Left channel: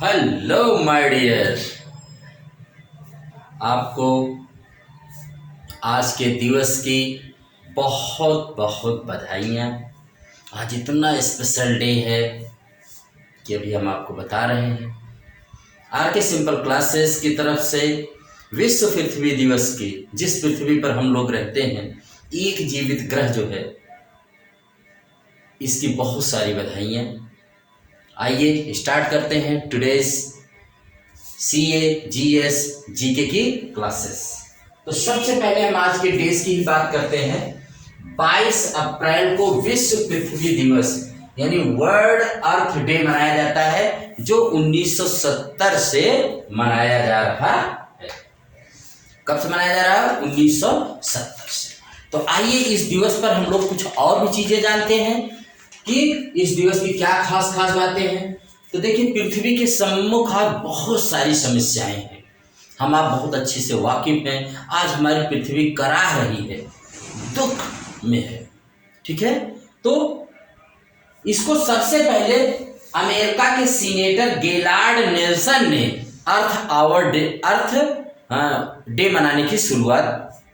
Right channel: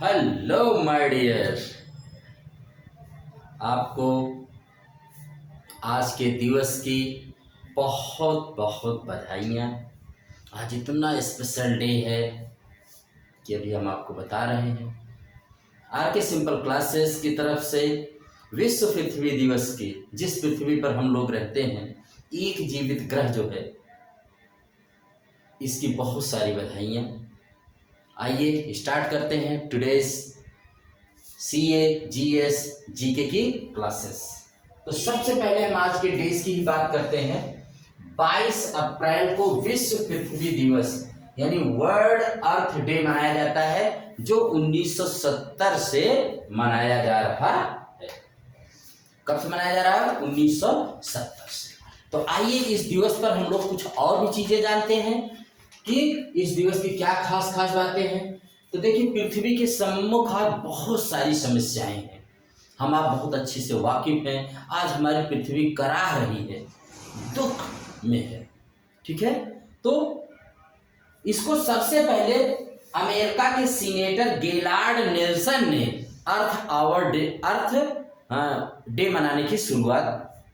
Hello my dear, आपको आज के दिवस की बहुत बहुत बधाइयाँ। आज इतना स्पेशल डे है कि अभी हम आपको बता रहे हैं। आर के सिंपल क्लासेस की तरफ से विश्व पृथ्वी दिवस की, जिस पृथ्वी पर हम लोग रहते हैं, एक जीवित ग्रह जो है, इसकी बहुत सारी बधाइयाँ। आइए स्टार्ट करते हैं टुडेज CA GS GK की क्लासेस। तो सबसे पहले हम आज के डेज की ही बात करते हैं। 22 अप्रैल को विश्व पृथ्वी दिवस यानी वर्ल्ड अर्थ डे मनाया जाता है, जो 1970 से मनाया जा रहा है। कब से मनाया जा रहा है? 1970 से। तो आइए इस दिवस पर हम लोग कुछ और भी चीजें जानते हैं कि इस दिवस की क्या खास खास बातें हैं। तो देखिए, पृथ्वी के सम्मुख आज बहुत सारी समस्याएं हैं, हम आप बहुत अच्छे से वाकिफ हैं। आज हमारी पृथ्वी कराह रही है, दुख में है, ठीक है। तो इसको सबसे पहले अमेरिका के सीनेटर गेलार्ड नेल्सन ने अर्थ डे मनाने की शुरुआत,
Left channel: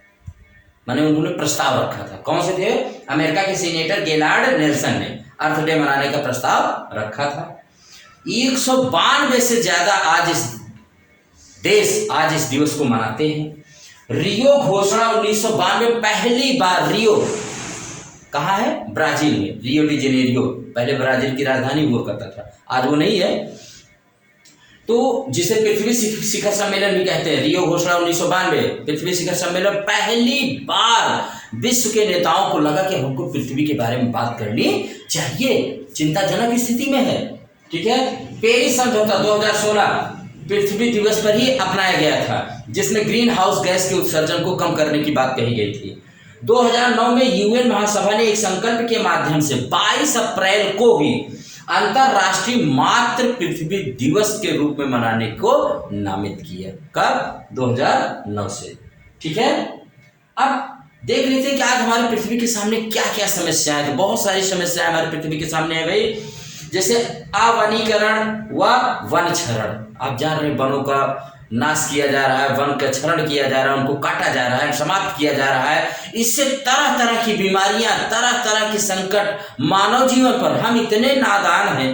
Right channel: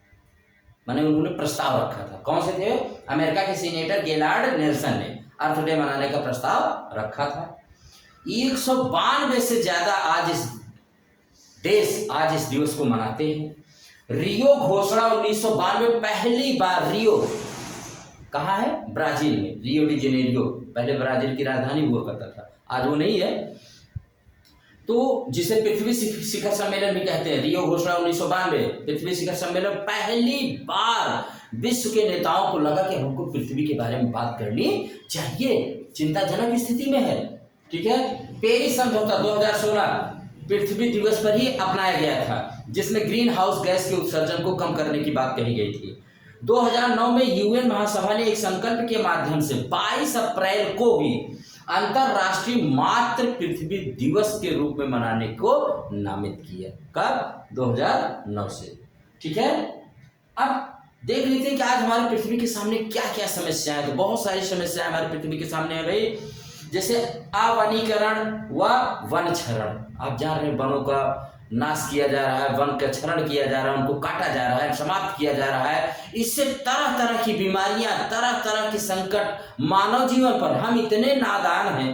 माने उन्होंने प्रस्ताव रखा था। कौन से थे? अमेरिका के सीनेटर गेलार्ड नेल्सन ने अर्थ डे मनाने का प्रस्ताव रखा था। 192 से ज्यादा आज इस दिवस को मनाते हैं। रियो घोषणा 1992, पहली बार रियो कहाँ है? ब्राजील में, रियो डी जेनेरियो, पहले ब्राजील की राजधानी हुआ करता था, आज वो नहीं है। तो जिसे पृथ्वी शिखर सम्मेलन भी कहते हैं, रियो घोषणा 1992 पृथ्वी शिखर सम्मेलन, पहली बार विश्व के नेताओं को लगा कि हमको पृथ्वी के बारे में बात करनी चाहिए, चिंताजनक स्थिति में है, ठीक है। पेरिस समझौता 2016 पृथ्वी दिवस पर ही अपनाया गया था, जिसमें ग्रीन हाउस गैस के उत्सर्जन को कम करने की बात कही गई थी। 2009 में UN महासभा ने एक संकल्प के माध्यम से 22 अप्रैल को ही अंतरराष्ट्रीय मातृ पृथ्वी दिवस के रूप में मनाने को नामित किया। कब? 2009 से, ठीक है। अब देख लेते हैं कि आज हमारी पृथ्वी के सामने क्या क्या समस्याएं हैं। बहुत सारी समस्याएं हमारी पृथ्वी के सामने है भाई, जैसे आवनीकरण व वन क्षरण। आप जान रहे हैं, वनों का नाश किया जा रहा है, वन का क्षरण किया जा रहा है, उनको काटा जा रहा है, समाप्त किया जा रहा है। इससे तरह तरह की बीमारियां, तरह तरह के संकट मानव जीवन पर। हम इतने नादान हैं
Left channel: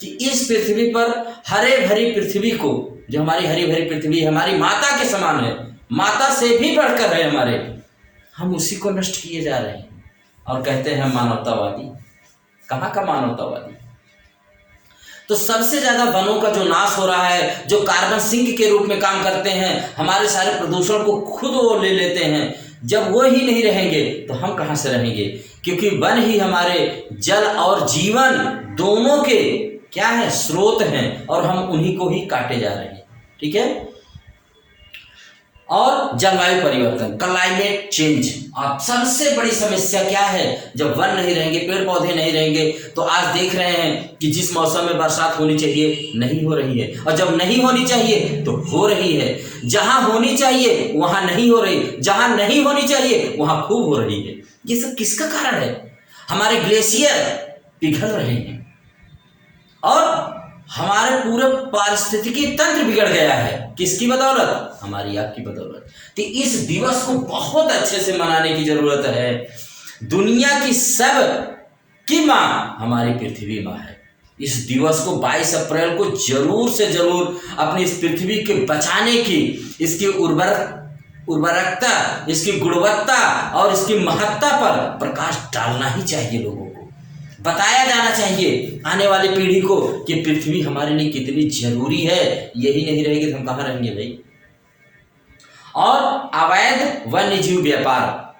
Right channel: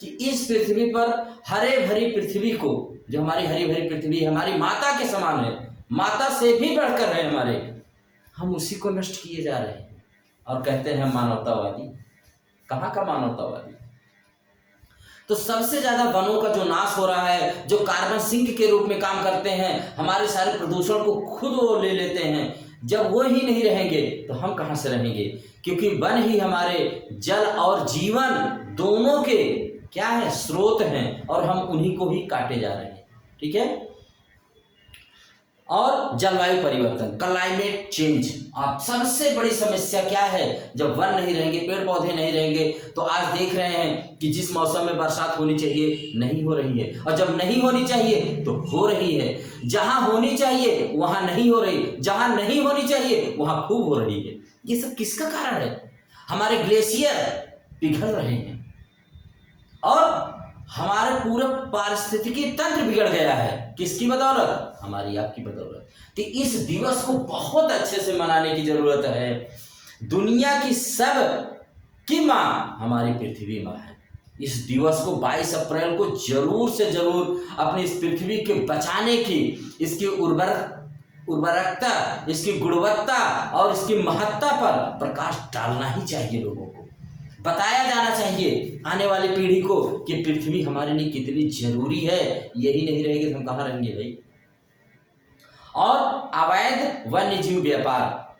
कि इस पृथ्वी पर हरे भरी पृथ्वी को, जो हमारी हरी भरी पृथ्वी हमारी माता के समान है, माता से भी बढ़कर है हमारे, हम उसी को नष्ट किए जा रहे हैं और कहते हैं मानवतावादी। कहाँ का मानवतावादी? तो सबसे ज्यादा वनों का जो नाश हो रहा है, जो कार्बन सिंक के रूप में काम करते हैं, हमारे सारे प्रदूषण को खुद वो ले लेते हैं। जब वो ही नहीं रहेंगे तो हम कहाँ से रहेंगे? क्योंकि वन ही हमारे जल और जीवन दोनों के क्या है? स्रोत हैं, और हम उन्हीं को ही काटे जा रहे हैं, ठीक है। और जलवायु परिवर्तन, क्लाइमेट चेंज। आप सबसे बड़ी समस्या क्या है? जब वन नहीं रहेंगे, पेड़ पौधे नहीं रहेंगे, तो आज देख रहे हैं कि जिस मौसम में बरसात होनी चाहिए नहीं हो रही है, और जब नहीं होनी चाहिए तो हो रही है। जहां होनी चाहिए वहां नहीं हो रही, जहां नहीं होनी चाहिए वहां खूब हो रही है। ये सब किसका कारण है? हमारे ग्लेशियर पिघल रहे हैं और हमारे पूरे पारिस्थितिकी तंत्र बिगड़ गया है। किसकी बदौलत? हमारी आपकी बदौलत। तो इस दिवस को बहुत अच्छे से मनाने की जरूरत है। दुनिया की सब की माँ हमारी पृथ्वी माँ है। इस दिवस को 22 अप्रैल को जरूर से जरूर अपनी इस पृथ्वी के बचाने की, इसकी उर्वरकता, इसकी गुणवत्ता और इसकी महत्ता पर प्रकाश डालना ही चाहिए। लोगों को बताया जाना चाहिए आने वाली पीढ़ी को कि पृथ्वी हमारे लिए कितनी जरूरी है। यही नहीं रहेगी तो हम कहाँ रहेंगे भाई। और अवैध वन्य जीव व्यापार,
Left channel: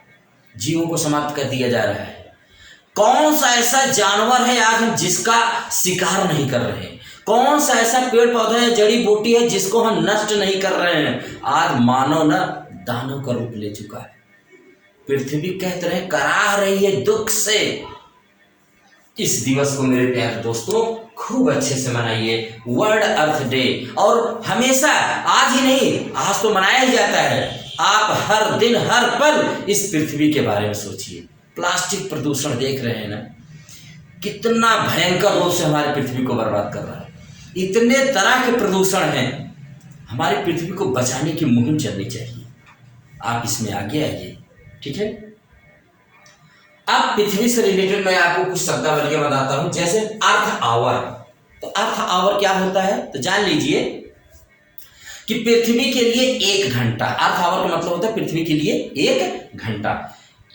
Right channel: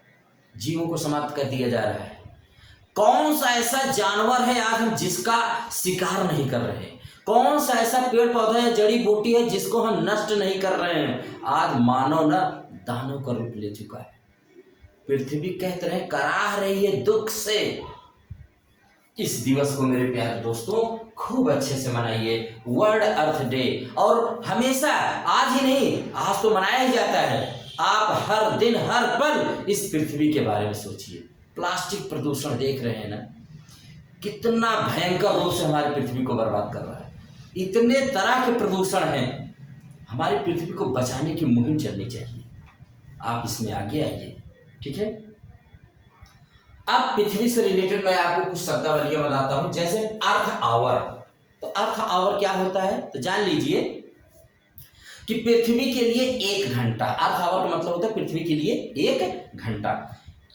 जीवों को समाप्त कर दिया जा रहा है। कौन सा ऐसा जानवर है आज हम जिसका शिकार नहीं कर रहे हैं? कौन सा ऐसा पेड़ पौधा है, जड़ी बूटी है, जिसको हम नष्ट नहीं कर रहे हैं? आज मानव न दानव का रूप ले चुका है। पृथ्वी कहते रहे कराह रही है दुख से। इस दिवस को मेरे प्यारे दोस्तों खूब अच्छे से मनाइए, वर्ल्ड अर्थ डे। और हमेशा, आज ही नहीं, आज तो मनाया ही जाता है। आप हर दिन हर पल इस पृथ्वी के बारे में सोचिए। प्लास्टिक प्रदूषण देख रहे हैं ना, कितना भयंकर रूप से हमारी पृथ्वी को बर्बाद कर रहा है। इतने तरह के प्रदूषण हैं, हमारी पृथ्वी को बचाने की मुहिम चलनी चाहिए। आप इसमें आगे आइए, ठीक है। अब पृथ्वी से रिलेटेड मैं आपको कुछ शब्दावलियां बताता हूं, जैसे अर्थ आवर। तो अर्थ आवर क्या होता है, तो जान लीजिए कि पृथ्वी के लिए 1 घंटा, अर्थ आवर का मतलब होता है पृथ्वी के लिए 1 घंटा।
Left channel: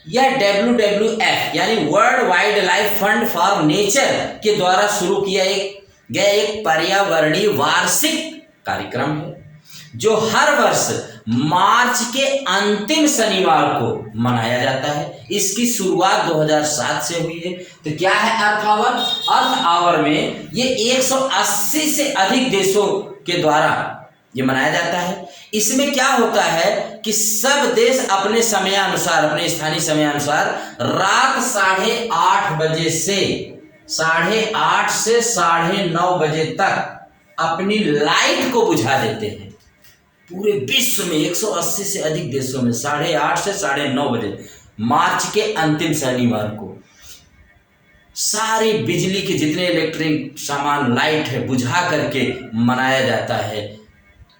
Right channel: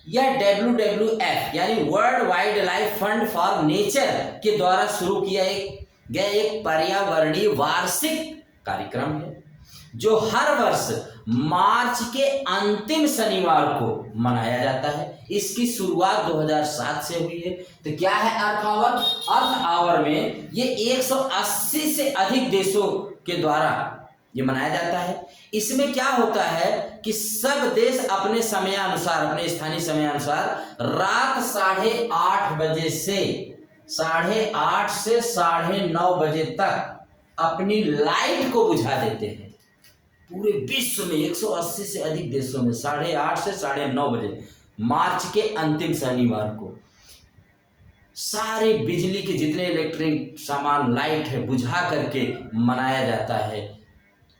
यह WWF यानी world wild life fund for nature के द्वारा शुरू किया गया एक पर्यावरणीय वार्षिक कार्यक्रम है, जो हर वर्ष मार्च के अंतिम शनिवार को मनाया जाता है। इसकी शुरुआत 2007 से हुई है। तो क्या है अर्थ आवर? अर्थ आवर में ये 180 से अधिक देशों के द्वारा ये मनाया जाता है। इसमें क्या होता है कि सब देश अपने समयानुसार, अपने स्थानीय समयानुसार रात 8:30 बजे से 8:30 से 9:30 बजे तक अपनी लाइट को बुझा देते हैं। पूरे विश्व में 180 से अधिक देशों में 8:30 से 9:30 बजे मार्च के अंतिम शनिवार को सारे बिजली के जितने इलेक्ट्रिक सामान, लाइट है, बुझा करके मनाया जाता है।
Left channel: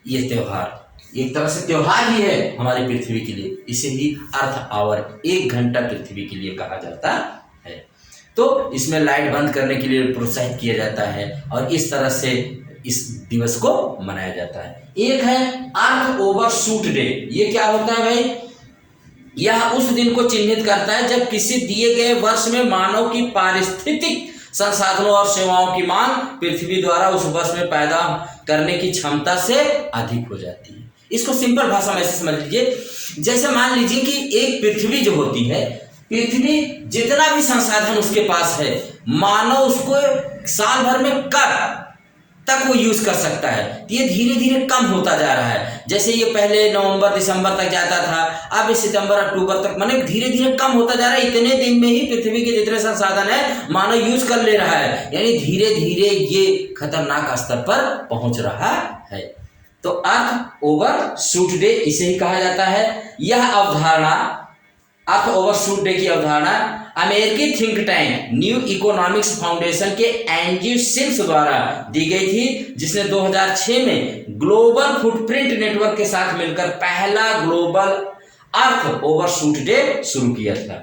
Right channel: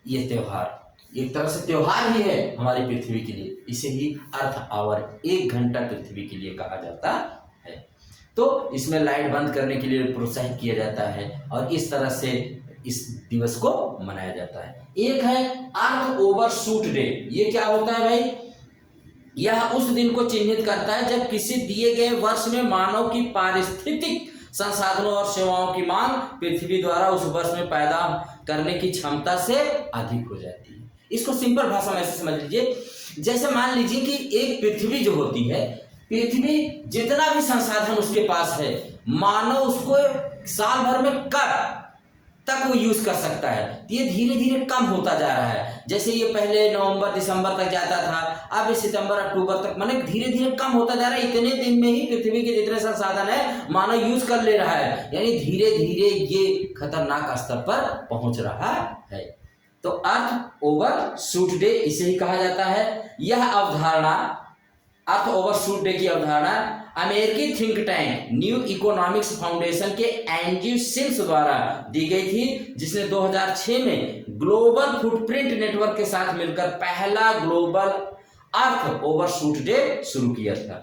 ये त्योहार एक तरह से त्योहार ही है हमारी पृथ्वी के लिए। इसे ही अर्थ आवर, 1 घंटा पृथ्वी के लिए कहा जाता है। तो इसमें लाइट बंद करने के लिए प्रोत्साहित किया जाता है और इस तरह से इस दिवस को मनाया जाता है। एक है अर्थ ओवरशूट डे। ये क्या होता है भाई? यह उस दिन को चिन्हित करता है जब किसी दिए गए वर्ष में मानव की पारिस्थितिक संसाधनों और सेवाओं की मांग पृथ्वी द्वारा उस वर्ष में पैदा करने की क्षमता से अधिक हो जाती है। इसको सिंपल भाषा में ऐसे समझ लीजिए, जैसे मान लीजिए कि एक पृथ्वी जो होती है, पृथ्वी जितना भी संसाधन उसके पास है, मानव उसको साल भर में कब तक वो यूज कर सकता है, ये धीरे धीरे कम होता जा रहा है। जैसे ये पहले नवंबर दिसंबर तक जाता था, अब सितंबर अक्टूबर तक, माने धीरे धीरे कम होता जा रहा है। इतने दिन में ही पृथ्वी के जितने संसाधन है मानव यूज कर ले रहा है, यानी धीरे धीरे ये खतरनाक स्तर पर पहुंच रहा है। तो अर्थ ओवरशूट डे इसे ही कहा जाता है। यह अवधारणा, अर्थ ओवरशूट डे की अवधारणा अमेरिकी think tank new economics foundation के एंड्रयू सिम्स द्वारा दी गई थी, जिसने 2006 में ग्लोबल फुटप्रिंट नेटवर्क के साथ मिलकर पहला ग्लोबल अर्थ ओवरशूट डे शुरू किया था।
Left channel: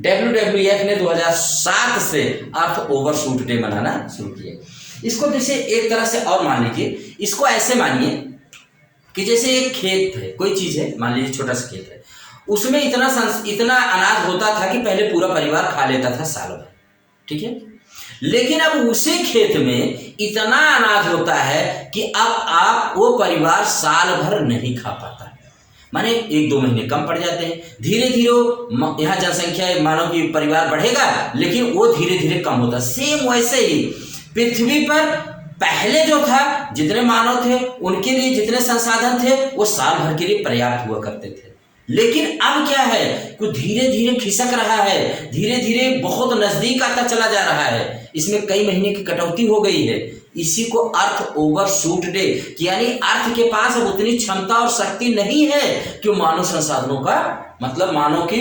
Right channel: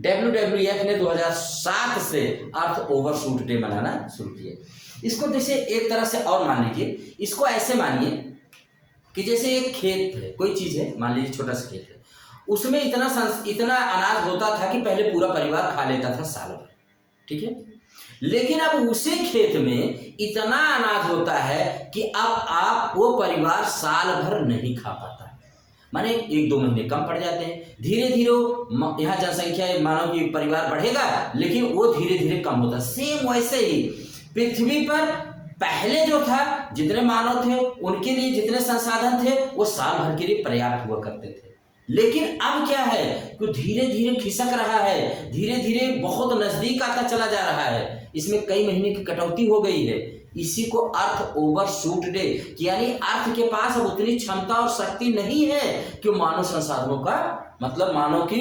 WWF ने 2007 से अर्थ ओवरशूट डे मनाना शुरू किया। इसको जैसे एक तरह से और मान लीजिए, इसको ऐसे मानिए कि जैसे एक खेत है, कोई चीज है, मान लीजिए छोटा सा खेत है, उसमें इतना अनाज होता था कि पहले पूरा परिवार खा लेता था साल भर, ठीक है। लेकिन अब उसी खेत में इतना अनाज होता है कि अब आप वो परिवार साल भर नहीं खा पाता, माने 1-2 महीने कम पड़ जाते हैं। धीरे धीरे यहाँ जनसंख्या मानव की परिवार बढ़ेगा, लेकिन वो धीरे धीरे कम होता। सेम वैसे ही पृथ्वी पर पहले जो था, जितने मानव थे उनके लिए जितने संसाधन थे वो साल भर के लिए पर्याप्त हुआ करते थे। लेकिन अब क्या है कि धीरे धीरे खिसक रहा है, धीरे धीरे बहुत नजदीक आता चला जा रहा है। इसमें कई महीने की कटौती हो गई है। इसी को अर्थ ओवरशूट डे, यानी अर्थ के पास अब उतनी क्षमता और शक्ति नहीं है कि मानव संसाधनों का, मतलब मानव की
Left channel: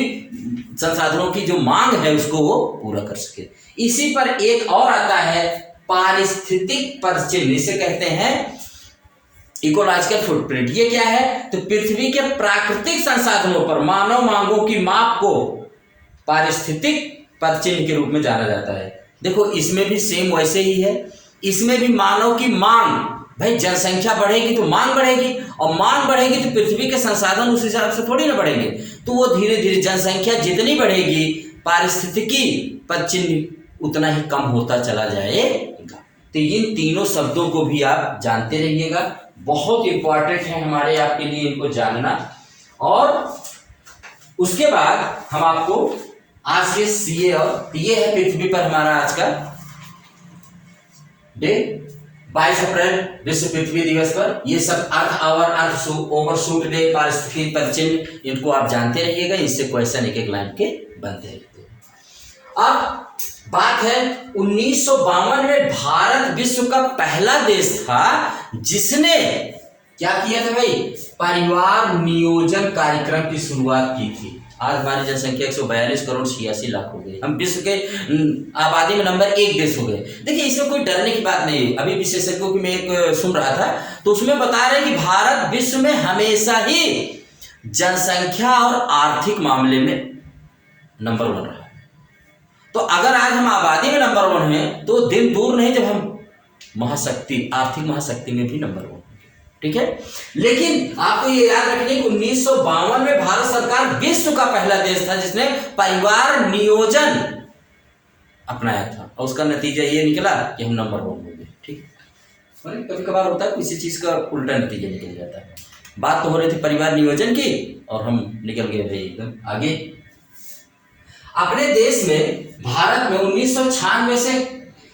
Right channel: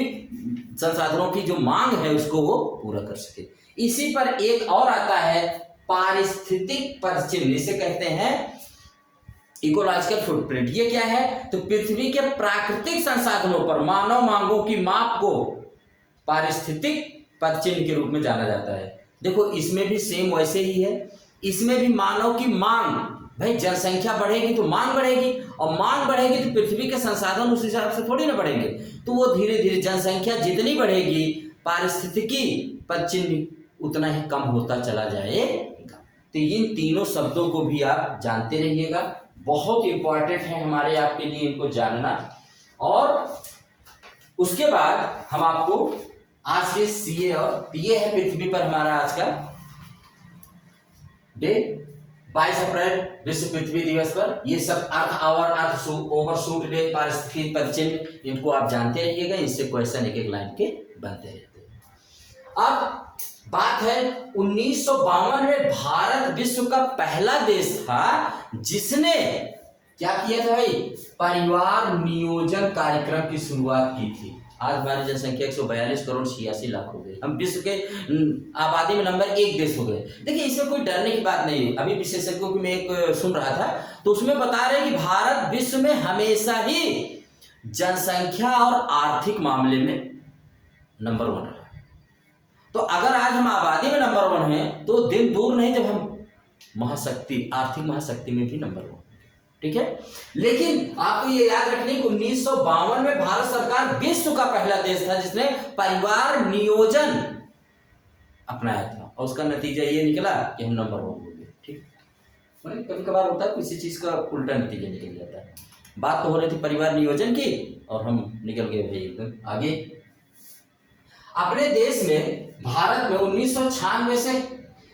संसाधनों की जो मांग है उसको वो पूरा कर सके। इसी पर एक और आता है पारिस्थितिक पदचिन्ह, इसे कहते हैं इकोलॉजिकल फुटप्रिंट। ये क्या है? तो पृथ्वी के प्राकृतिक संसाधनों पर मानव मांगों की माप को पारिस्थितिक पदचिन्ह के रूप में जाना जाता है। देखो इसमें भी सेम वैसे ही है, इसमें भी मानव की मांग, भाई जनसंख्या बढ़ेगी तो मांग बढ़ेगी, और मांग बढ़ेगी तो पृथ्वी के संसाधन उस हिसाब से थोड़ी ना बढ़ेंगे। तो वो धीरे धीरे जनसंख्या जितनी बढ़ेगी, पारिस्थितिकी पदचिन्ह उतना ही कम होता चला जाएगा। तो इन तीनों शब्दों को भी आप जानते रहिएगा, बहुत इंपॉर्टेंट है हमारे आपके लिए इनको जानना। और उसके बाद हम आपको आज के सीए, और ये है पृथ्वी पर हमारा आज का डे 22 अप्रैल विश्व पृथ्वी दिवस पर। ये सब अर्थ आवर, अर्थ ओवरशूट डे, पारिस्थितिक पदचिन्ह, इनको आप जानते रहिएगा। इससे क्वेश्चन एक लाइन के बनते रहते हैं। अब बात है 1952 में भारत विश्व का पहला देश था जिसने क्या किया था भाई? परिवार नियोजन कार्यक्रम की शुरुआत की थी। आज हमारी जनसंख्या 142 करोड़ 86 लाख हो गई। हम विश्व के आबादी में नंबर 1 देश हो गए। देखिए इसमें कोई डरने की बात नहीं है। अभी विशेषज्ञों की मैं एक सुन रहा था तो उसमें बता रहे हैं कि भारत विश्व में हमेशा ही जनसंख्या और आर्थिक मामले में नंबर 1 रहा है। तो अगर आज हम आबादी में नंबर 1 हैं तो दिन दूर नहीं जब हम महाशक्ति, आर्थिक महाशक्ति में भी नंबर 1। ठीक है, लेकिन आपको ये याद रखने की 1952 में भारत सरकार विश्व का पहला देश था जिसने परिवार नियोजन अपनाया था और उसका नतीजा ये निकला कि हम नंबर 1 हो गए। ठीक, कभी कभार होता है किसी चीज का उल्टा नतीजा निकल जाता है। बात तो हो रही थी परिवार नियोजन की और हम निकल गए भाई एकदम आगे। अपने देश में भारत में 1996 से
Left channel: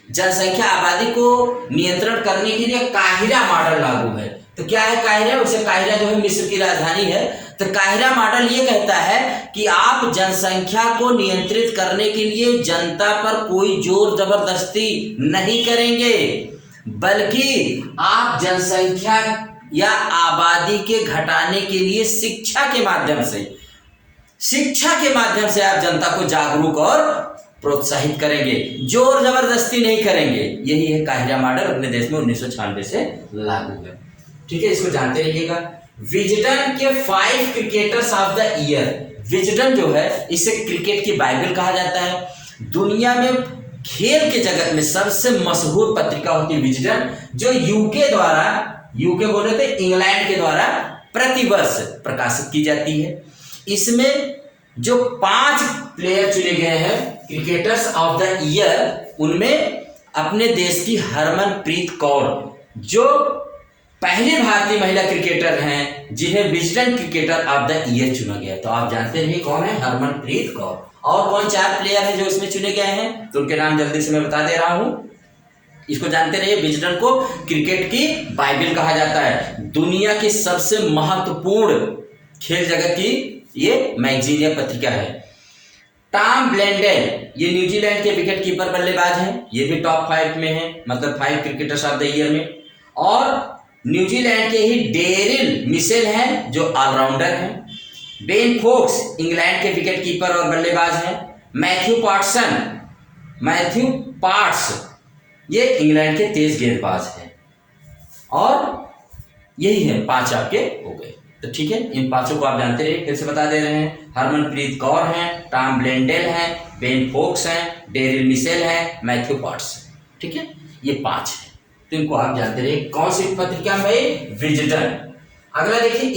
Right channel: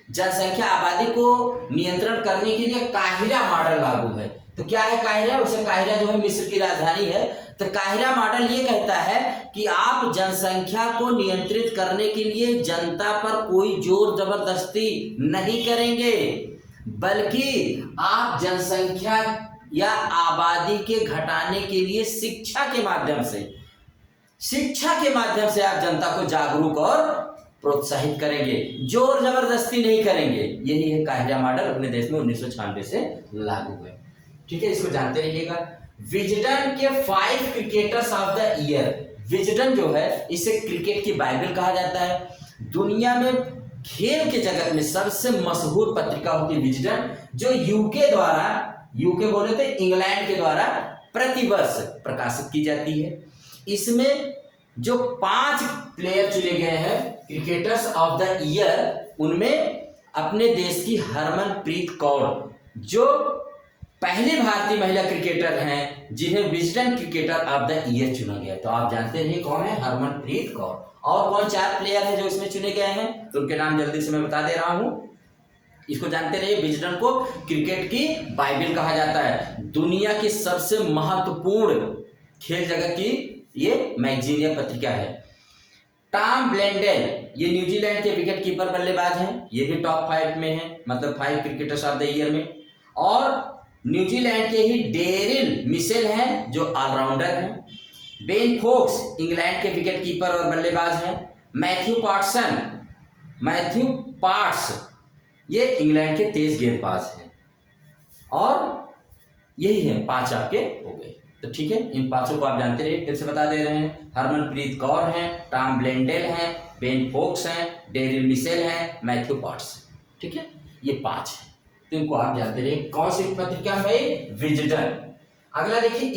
जनसंख्या आबादी को नियंत्रण करने के लिए काहिरा मॉडल लागू है। तो क्या है काहिरा? उसे काहिरा जो है मिस्र की राजधानी है। तो काहिरा मॉडल ये कहता है कि आप जनसंख्या को नियंत्रित करने के लिए जनता पर कोई जोर जबरदस्ती नहीं करेंगे, बल्कि आप जनसंख्या या आबादी के घटाने के लिए शिक्षा के माध्यम से आप जनता को जागरूक और प्रोत्साहित करेंगे, जोर जबरदस्ती नहीं करेंगे। यही है काहिरा मॉडल, अपने देश में 1996 से लागू है। ठीक है, इसको जानते रहिएगा। विजडन के 5 cricketers of the year. Wisden जो है इसे क्रिकेट की बाइबल कहा जाता है। दुनिया में खेल के जगत में सबसे मशहूर पत्रिका होती है विजडन, जो यूके बोले थे इंग्लैंड के द्वारा प्रतिवर्ष प्रकाशित की जाती है। इसमें जो 5 प्लेयर चुने गए हैं क्रिकेटर्स ऑफ द ईयर, उनमें अपने देश की हरमनप्रीत कौर जो पहले भारतीय महिला क्रिकेटर हैं जिन्हें Wisden cricketer of the year चुना गया। तो आप जानते रहिए कौन है? हरमनप्रीत कौर। और कौन 4 प्लेयर हैं जो इसमें चुने गए हैं, तो उनके नाम जल्दी से मैं बता दे रहा हूं। इसको जानते रहिए, विजडन को क्रिकेट की बाइबल कहा जाता है। दुनिया की सबसे महत्वपूर्ण खेल जगत की ये मैगजीन या पत्रिका है। टॉम ब्लेंडेल ये न्यूजीलैंड के विकेट कीपर बल्लेबाज हैं, ये भी टॉप 5 में है, मतलब 5 क्रिकेटर्स ऑफ द ईयर में। और न्यूजीलैंड के ही डेरिल मिशेल हैं जो ऑलराउंडर हैं। बेन फोक्स इंग्लैंड के विकेट कीपर और बल्लेबाज हैं। मैथ्यू पार्ट्स ये इंग्लैंड के तेज गेंदबाज हैं। और यही है 5 आपके हो गए। तो ठीक है, इन 5 को आप जानते रहिए, फिर से बता दे रहे हैं। हरमनप्रीत कौर हैं, टॉम ब्लेंडेल हैं, बेन फोक्स हैं, डेरिल मिशेल हैं, मैथ्यू पार्ट्स। ठीक है, ये 5 है, तो इनको आप जानते रहिए। कौन सी पत्रिका में? विजडन। अगला देखिए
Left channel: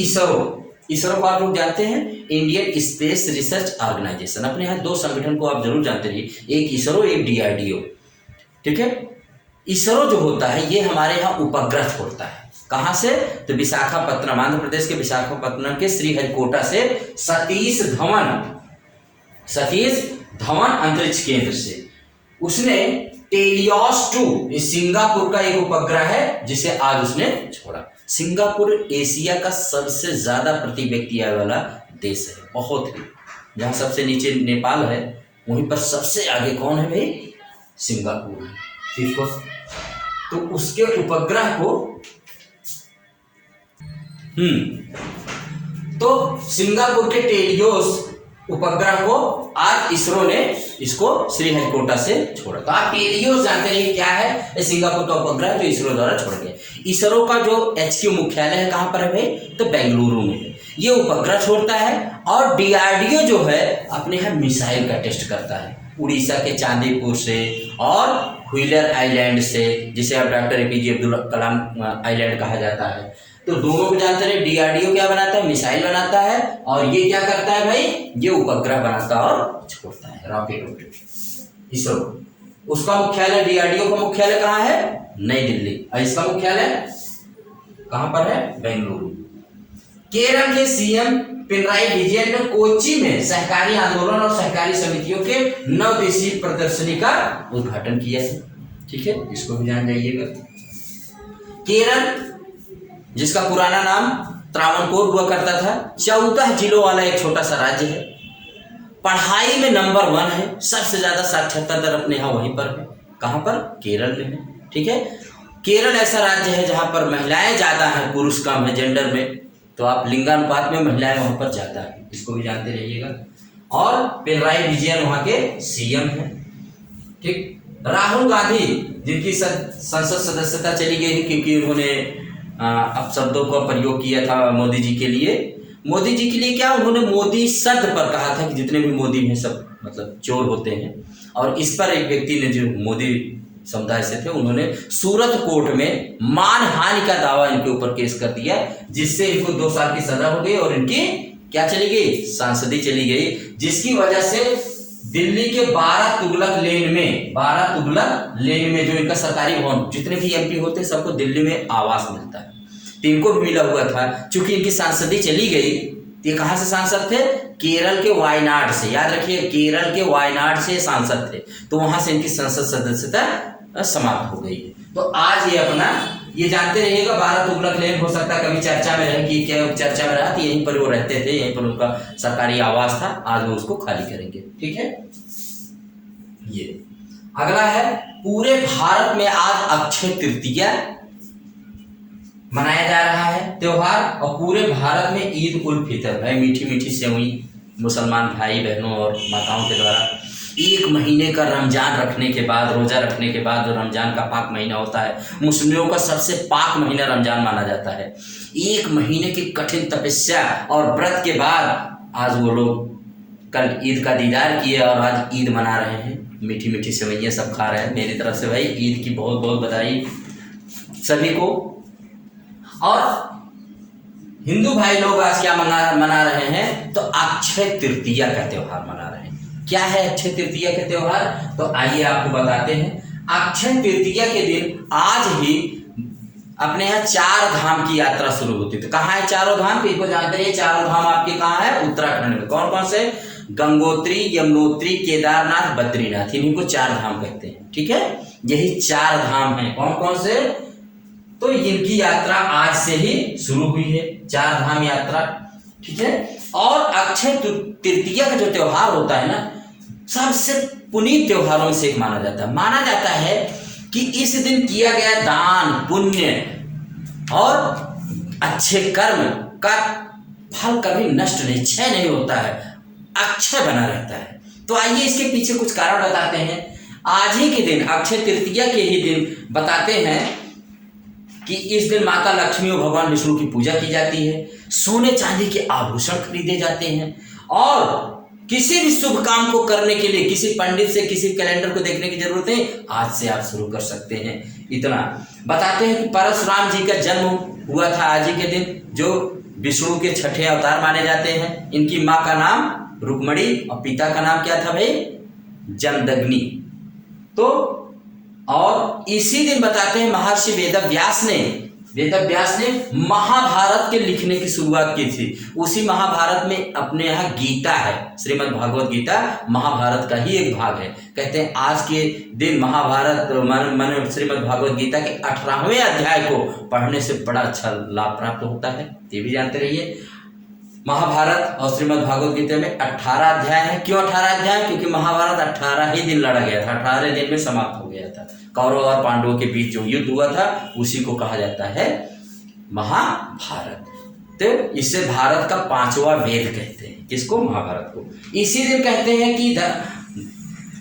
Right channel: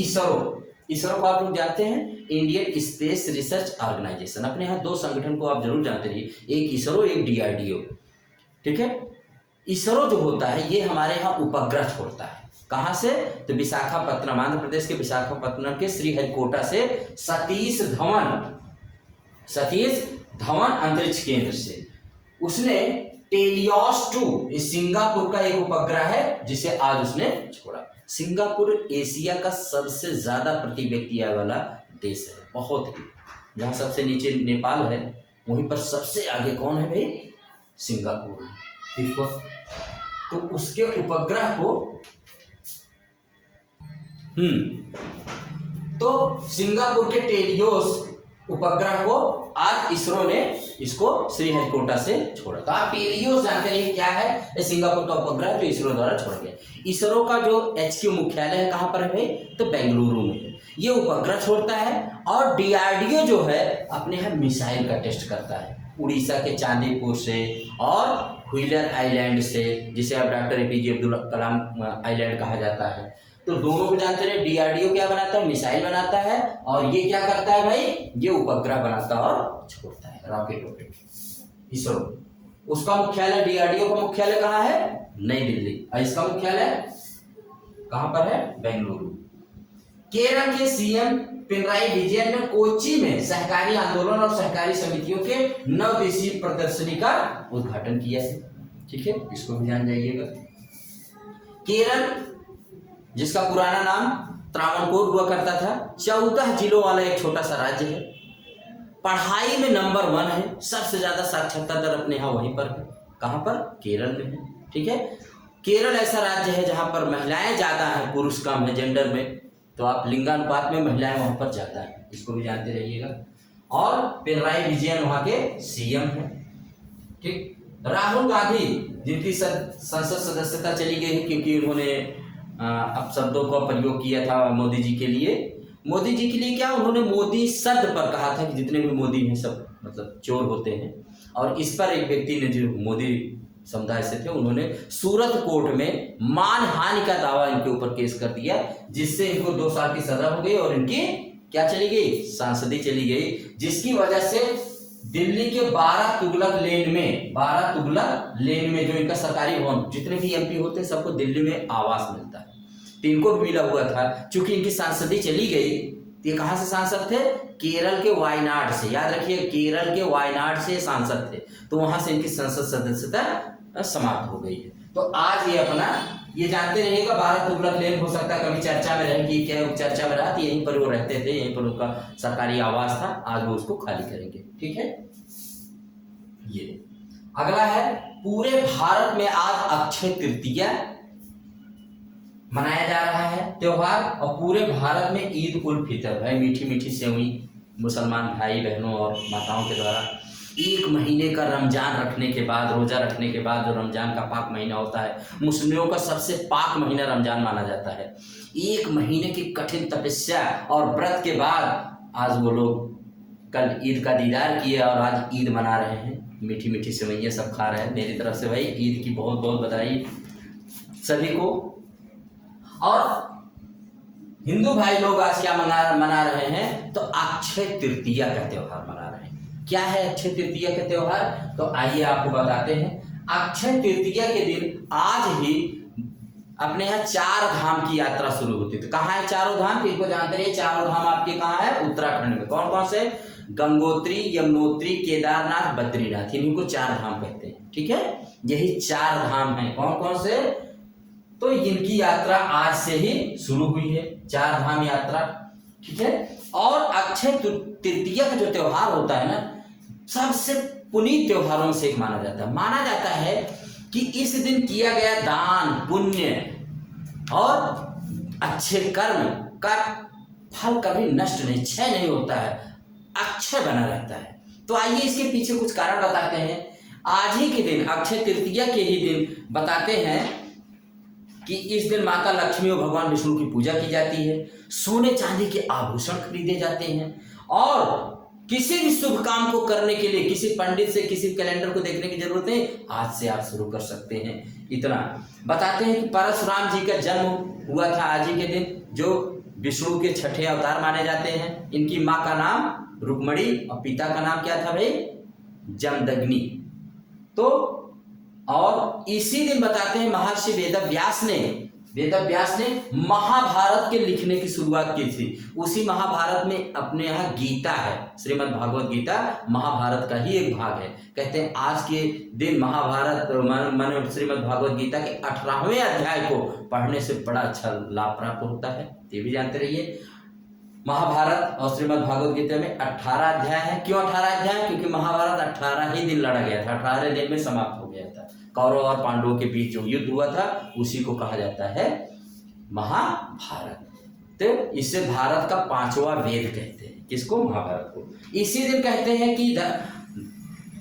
इसरो को आप लोग जानते हैं, इंडियन स्पेस रिसर्च ऑर्गेनाइजेशन। अपने यहाँ 2 संगठन को आप जरूर जानते रहिए, एक इसरो एक DRDO। ठीक है, इसरो जो होता है ये हमारे यहाँ उपग्रह छोड़ता है। कहाँ से? तो विशाखापत्तनम, आंध्र प्रदेश के विशाखापत्तनम के श्रीहरिकोटा से सतीश धवन अंतरिक्ष केंद्र से उसने टेलियोस 2 सिंगापुर का एक उपग्रह है जिसे आज उसने छोड़ा। सिंगापुर एशिया का सबसे ज्यादा प्रति व्यक्ति आय वाला देश है, बहुत ही। जहां सबसे नीचे नेपाल है वहीं पर सबसे आगे कौन है भाई? सिंगापुर है। ठीक है, तो उसके उपग्रह को तो सिंगापुर के टेलियोस उपग्रह को आज इसरो ने इसको श्रीहरिकोटा से छोड़ा। तो आप टेलियोस जानते रहिए क्या है? ये सिंगापुर का उपग्रह जो इसरो द्वारा छोड़ा गया। इसरो का जो HQ मुख्यालय है कहाँ पर है भाई? तो बेंगलुरु में है। ये उपग्रह छोड़ता है। और DRDO जो है अपने यहाँ मिसाइल का टेस्ट करता है, उड़ीसा के चांदीपुर से और व्हीलर आइलैंड से, जिसे अब doctor APJ Abdul Kalam island कहा जाता है। तो दोनों को जानते रहे, DRDO क्या बनाता है? मिसाइल बनाता है। और ये क्या करता है भाई? ये उपग्रह बनाता और छोड़ता है, रॉकेट। इसरो उसका मुख्यालय, DRDO का मुख्यालय कहाँ है? नई दिल्ली। और इसका मुख्यालय कहाँ पर है? बेंगलुरु। केरल के CM पिनराई विजयन ने कोच्चि में सहकारी आंदोलन और सहकारी समितियों के 9 दिवसीय प्रदर्शनी का उद्घाटन किया है। ठीक है, इसको भी जान जाइएगा। केरल जिसका पुराना नाम त्रावणकोर हुआ करता था, 14 जिलों वाला एक छोटा सा राज्य है। पढ़ाई में नंबर 1 है, सबसे ज्यादा साक्षरता दर अपने यहाँ वहीं पर है। कहाँ पर? केरल में है। ठीक है, केरल ऐसा राज्य है जहाँ पर महिलाएं ज्यादा हैं, पुरुष कम है जेंडर में। तो आप लिंगानुपात में महिलाएं वहां पर ज्यादा है, इसको भी जानते रहिएगा। और पिनराई विजयन वहां के सीएम हैं। ठीक, राहुल गांधी जिनकी संसद सदस्यता चली गई थी क्योंकि उन्होंने अपशब्दों का प्रयोग किया था मोदी जी के लिए। मोदी जी के लिए क्या, उन्होंने मोदी शब्द पर कहा था कि जितने भी मोदी हैं सब मतलब चोर होते हैं। और इस पर एक व्यक्ति ने जो मोदी समुदाय से थे उन्होंने सूरत कोर्ट में मानहानि का दावा इनके ऊपर केस कर दिया, जिससे इनको 2 साल की सजा हो गई और इनकी क्या चली गई, सांसदी चली गई, जिसकी वजह से दिल्ली के 12 तुगलक लेन में जो इनका सरकारी भवन, जितने भी एमपी होते हैं सबको दिल्ली में आवास मिलता है, तो इनको भी मिला हुआ था। चूंकि इनकी सांसदी चली गई, ये कहां से सांसद थे, केरल के वायनाड से, याद रखिए केरल के वायनाड से सांसद थे, तो वहां से इनकी संसद सदस्यता समाप्त हो गई है। तो आज ये अपना ये जानते रहिएगा 12 तुगलक लेन हो सकता है कभी चर्चा में रहे कि क्या चर्चा में रहा, यहीं पर वो रहते थे, यहीं पर उनका सरकारी आवास था, आज वो उसको खाली करेंगे। ठीक है, ये अगला है, पूरे भारत में आज अक्षय तृतीया मनाया जा रहा है त्योहार, और पूरे भारत में ईद उल फितर है, मीठी मीठी सेवई मुसलमान भाई बहनों और माताओं के द्वारा 1 महीने का रमजान रखने के बाद, रोजा रखने के बाद, जो रमजान का पाक महीना होता है, मुस्लिमों का सबसे पाक महीना रमजान माना जाता है। 1 महीने की कठिन तपस्या और व्रत के बाद आज वो लोग कल ईद का दीदार किए और आज ईद मना रहे हैं, मीठी मीठी सेवइयाँ सब खा रहे हैं। मेरी तरफ से भाई ईद की बहुत बहुत बधाई सभी को। और हिंदू भाई लोग आज क्या मना रहे हैं, तो अक्षय तृतीया का त्योहार मना रहे हैं। क्या है अक्षय तृतीया का त्योहार, तो आइए आपको बताते हैं। अक्षय तृतीया के दिन आज ही अपने यहाँ 4 धाम की यात्रा शुरू होती है। तो कहाँ है चारों धाम, किसको जानते हैं, चारों धाम आपके कहाँ है, उत्तराखंड में। कौन कौन से, गंगोत्री, यमुनोत्री, केदारनाथ, बद्रीनाथ, इन्हीं को 4 धाम कहते हैं। ठीक है, यही 4 धाम हैं। कौन कौन से, तो इनकी यात्रा आज से ही शुरू हुई है, 4 धाम यात्रा। ठीक है, और अक्षय तृतीया का जो त्योहार होता है ना, सबसे पुनीत त्योहारों से एक माना जाता है। माना जाता है कि इस दिन किया गया दान, पुण्य और अच्छे कर्म का फल कभी नष्ट नहीं, क्षय नहीं होता है, अक्षय बना रहता है। तो आइए इसके पीछे कुछ कारण बताते हैं। आज ही के दिन, अक्षय तृतीया के ही दिन बताते हैं कि इस दिन माता लक्ष्मी और भगवान विष्णु की पूजा की जाती है, सोने चांदी के आभूषण खरीदे जाते हैं, और किसी भी शुभ काम को करने के लिए किसी पंडित से, किसी कैलेंडर को देखने की जरूरत है, आज से आप शुरू कर सकते हैं। इतना बताते हैं कि परशुराम जी का जन्म हुआ था आज ही के दिन, जो विष्णु के 6ठे अवतार माने जाते हैं। इनकी माँ का नाम रुक्मणी और पिता का नाम क्या था भाई, जमदग्नि। तो और इसी दिन बताते हैं महर्षि वेदव्यास ने महाभारत के लिखने की शुरुआत की थी। उसी महाभारत में अपने यहाँ गीता है, श्रीमद् भागवत गीता महाभारत का ही एक भाग है। कहते हैं आज के दिन महाभारत मान श्रीमद् भागवत गीता के 18वें अध्याय को पढ़ने से बड़ा अच्छा लाभ प्राप्त होता है, ये भी जानते रहिए। महाभारत और श्रीमद् भागवत गीता में 18 अध्याय है। क्यों 18 अध्याय, क्योंकि महाभारत 18 ही दिन लड़ा गया था, 18 दिन में समाप्त हो गया था। कौरव और पांडवों के बीच जो युद्ध हुआ था उसी को कहा जाता है महाभारत। तो इसे भारत का 5वां वेद कहते हैं, किसको, महाभारत को। इसी दिन कहते हैं कि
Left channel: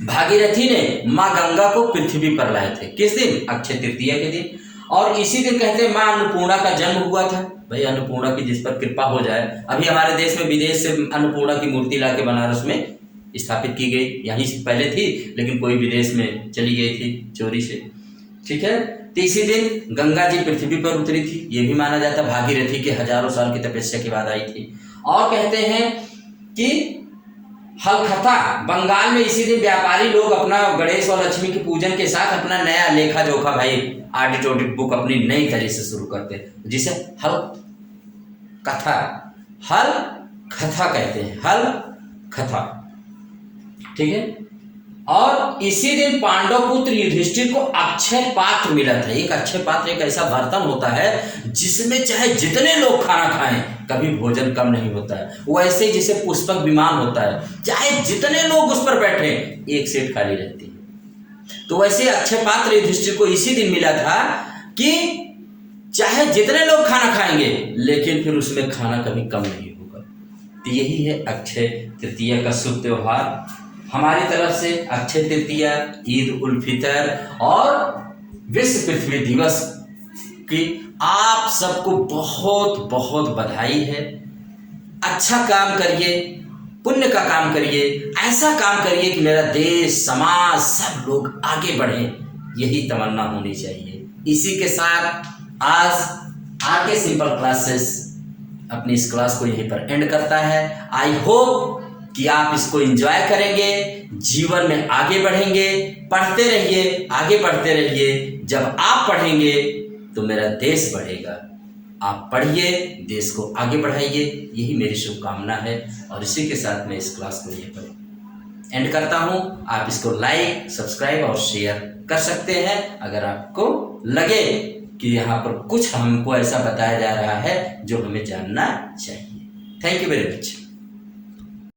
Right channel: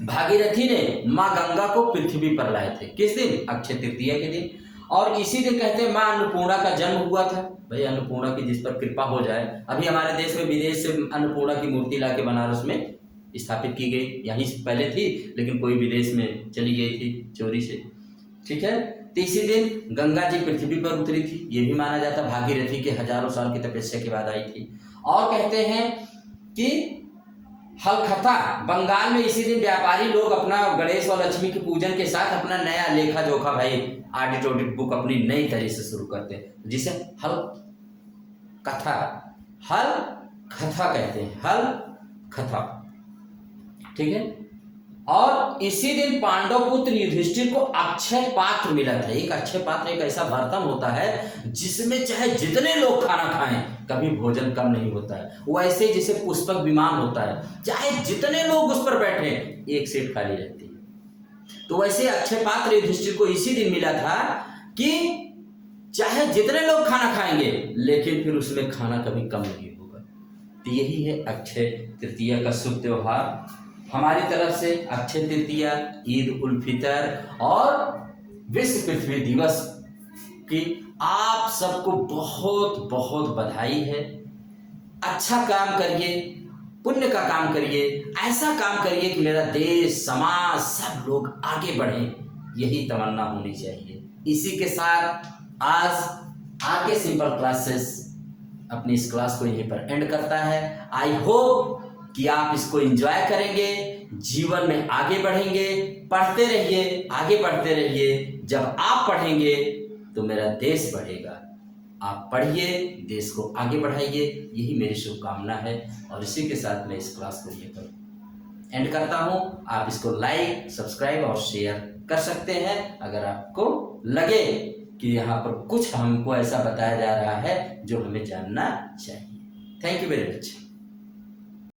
भागीरथी ने माँ गंगा को पृथ्वी पर लाए थे, किस दिन, अक्षय तृतीया के दिन। और इसी दिन कहते हैं माँ अन्नपूर्णा का जन्म हुआ था। भाई अन्नपूर्णा की जिस पर कृपा हो जाए, अभी हमारे देश में विदेश से अन्नपूर्णा की मूर्ति लाके बनारस में स्थापित की गई, यहीं से पहले थी लेकिन कोई विदेश में चली गई थी चोरी से। ठीक है, तो इसी दिन गंगा जी पृथ्वी पर उतरी थी, ये भी माना जाता है। भागीरथी के हजारों साल की तपस्या के बाद आई थी। और कहते हैं कि हलखता, बंगाल में इसी दिन व्यापारी लोग अपना गणेश और लक्ष्मी के पूजन के साथ अपना नया लेखा जोखा भाई ऑडिट ऑडिट बुक अपनी नई तरह से शुरू करते हैं, जिसे हल कथा कहते हैं, हल कथा। ठीक है, और इसी दिन पांडव पुत्र युधिष्ठिर को अक्षय पात्र मिला था। एक अक्षय पात्र एक ऐसा बर्तन होता है जिसमें चाहे जितने लोग खाना खाएं कभी भोजन कम नहीं होता है। वैसे जिसे पुष्पक विमान होता है, चाहे जितने लोग उस पर बैठे एक सीट खाली रहती है। तो वैसे अक्षय पात्र युधिष्ठिर को इसी दिन मिला था कि चाहे जितने लोग खाना खाएंगे लेकिन फिर उसमें खाना कभी कम नहीं होगा। तो यही है अक्षय तृतीया का शुभ त्यौहार। हमारी तरफ से अक्षय तृतीया, ईद उल फितर और विश्व पृथ्वी दिवस की आप सबको बहुत बहुत बधाई है। अच्छा काम करिए, पुण्य का काम करिए, ऐसा काम करिए कि मेरा देश, समाज, सब लोग आगे बढ़ें, यही तमन्ना होनी चाहिए। इसी के साथ आज आरके सिंपल क्लासेस अपनी इस क्लास को यहीं पर एंड करता है। आई होप कि आप इसको एंजॉय करेंगे, जीवन में आगे बढ़ेंगे। पढ़ते रहिए, आगे बढ़ते रहिए। जब आप पढ़ेंगे तो मेरा देश बढ़ेगा। आप पढ़िए, देश को आगे बढ़ाइए, यही मेरी शुभकामना है। और इसी के साथ मैं इस क्लास को यहीं पर एंड करता हूँ। आप इसको लाइक, सब्सक्राइब और शेयर कर सकते हैं अगर आपको लगे कि यहाँ पर कुछ हमको ऐसा बताया जा रहा है जो हमें जानना चाहिए। Thank you very much.